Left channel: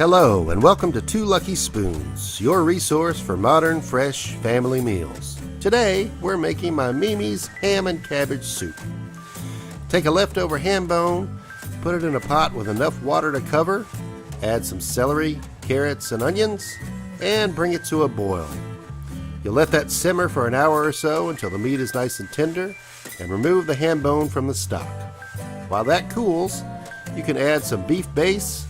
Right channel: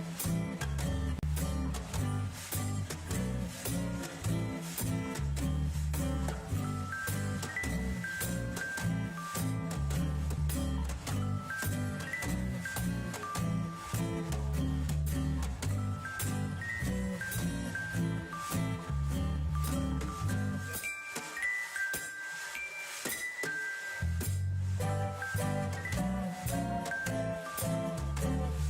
Hello, and welcome to Two Lucky Spoons, your resource for modern, fresh family meals. Today, we're making my Mimi's ham and cabbage soup. Take a leftover ham bone, put it in a pot with enough water to cover, add some celery, carrots, and onions, and bring it to a boil. You'll let that simmer for an hour or so until the meat is nice and tender, and remove the ham bone from the stock. While that cools, you can add some beef base,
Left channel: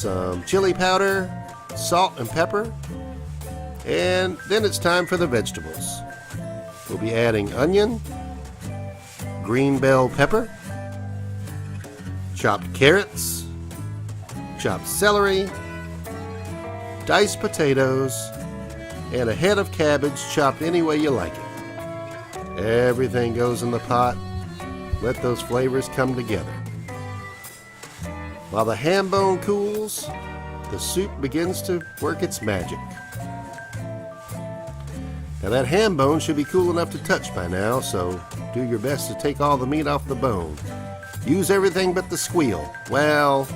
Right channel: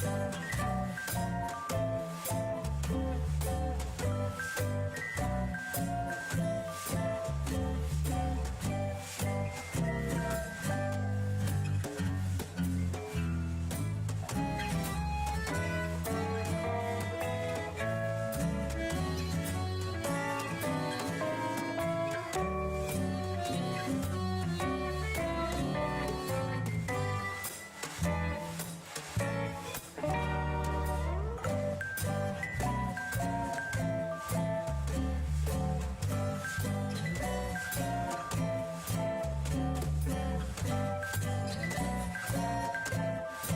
some chili powder, salt and pepper, and then it's time for the vegetables. We'll be adding onion, green bell pepper, chopped carrots, chopped celery, diced potatoes, and a head of cabbage chopped any way you like it. Everything goes in the pot. Let those flavors come together. While the ham bone cools, the soup begins to work its magic. Now that ham bone should be cool enough to touch by now, so do your best to take all the meat off the bone. Use everything but the squeal. Well,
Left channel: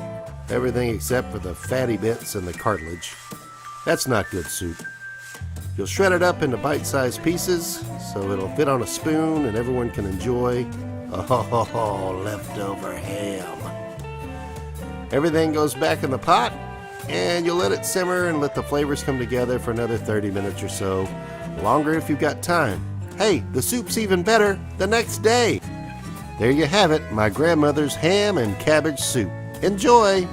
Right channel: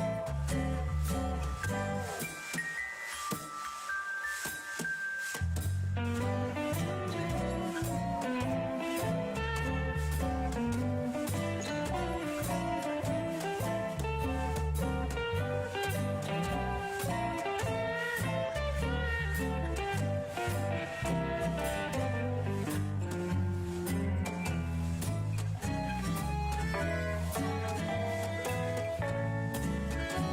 everything except for the fatty bits and the cartilage. That's not good soup. You'll shred it up into bite-sized pieces so it'll fit on a spoon and everyone can enjoy. Oh, leftover ham. Everything goes back in the pot, and you'll let it simmer and let the flavors come together for another 30 minutes or so. Longer if you've got time. Hey, the soup's even better the next day. There you have it, my grandmother's ham and cabbage soup. Enjoy!